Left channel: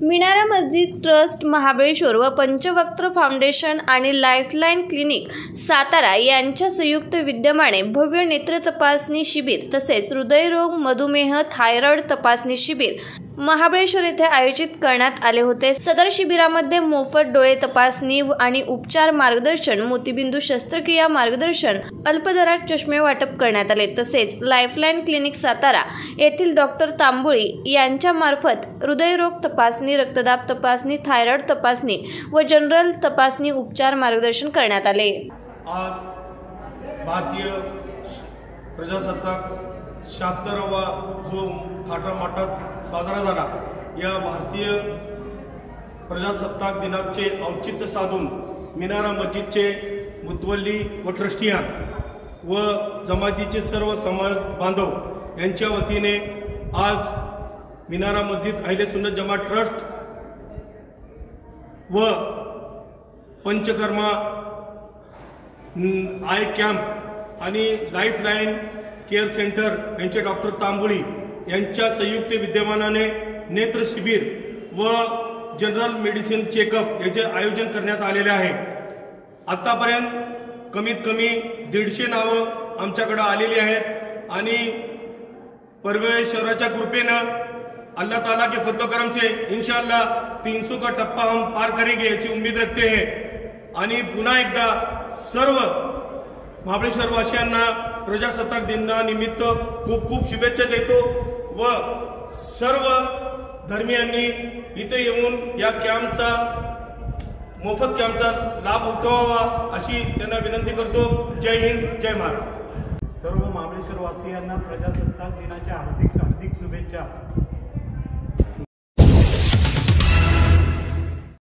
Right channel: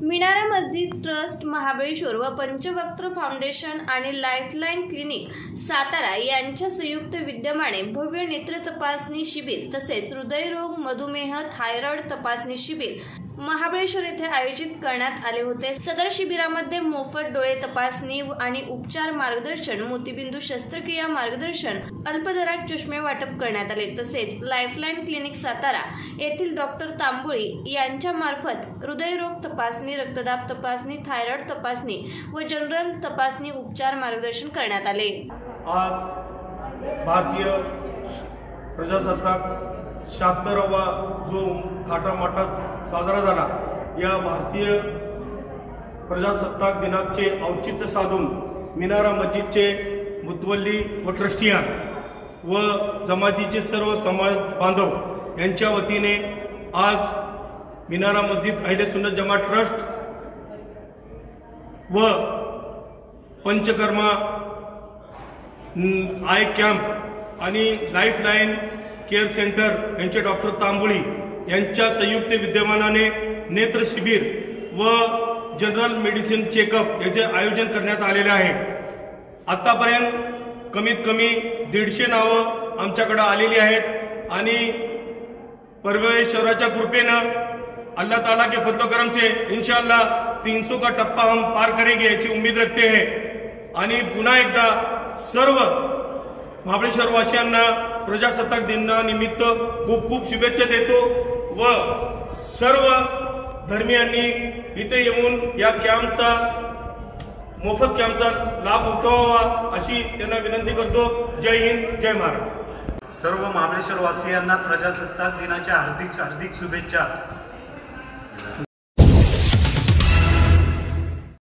मीनारा मस्जिद ट्रस्ट महाबळेश्वर व पंचवक्त्र फाउंडेशन आणि लाईफलाईन क्लिनिक सातारा यांच्या संयुक्त विद्यमाने भव्य नेत्र तपासणी शिबिर तसेच हृदयरोग, मधुमेह, थायरॉइड तपासणी शिबिर महाबळेश्वर येथे आयोजित करण्यात आले होते। सदर शिबिरामध्ये मोफत डोळे तपासणी आणि उपचार मार्गदर्शन, मोतीबिंदू शस्त्रक्रिया मार्गदर्शन, अल्प दरात चष्मे वाटप करण्यात आले। तसेच लाईफलाईन क्लिनिक सातारा येथील डॉक्टर तांबोळी यांच्या मार्फत हृदयरोग तपासणी, रक्तदाब तपासणी, थायरॉइड तपासणी व जनरल तपासणी उपचार मार्गदर्शन करण्यात आले। आज भारतीय प्रजासत्ताक 76वा जो थाटामाटात साजरा झाला, या भारतीय प्रजासत्ताक दिनाचे औचित्य साधून मीनारा मस्जिदचे मुतवल्ली व ट्रस्टियान व जमातीचे सर्व समाज बांधव यांच्या वतीने आज मीनारा मस्जिद अहले सुन्नत जमात ट्रस्ट व पंचकर्मा आय कॅम्प आणि लाईफलाईन केअर सेंटर यांचे डॉक्टर तांबोळी यांच्या संयुक्त विद्यमानाने नेत्र शिबिर व जनरल मेडिसिन चेकअप याचे आयोजन करण्यात आलेले आहे। आतापर्यंत कमीत कमी 150 नावं आमच्याकडे आलेली आहेत आणि परमेश्वराच्या कृपेनं अल्लाह ताला के फजल करम से इंशाअल्लाह 300 का टप्पा हम पार करेंगे ऐसी उम्मीद रखते हैं। आणि पुन्हा एकदा सर्व महाबळेश्वर वासियांना प्रजासत्ताक दिनानिमित्त खूप खूप शुभेच्छा देतो व सर्व धर्मियांनी इथे येऊन या कॅम्पचा मोफत कॅम्पचा लाभ उठवावा अशी त्यांना विनंती करतो। जय हिंद, जय महाराष्ट्र। सर्व महाबळेश्वर वासियांना प्रजासत्ताक दिनाच्या हार्दिक शुभेच्छा।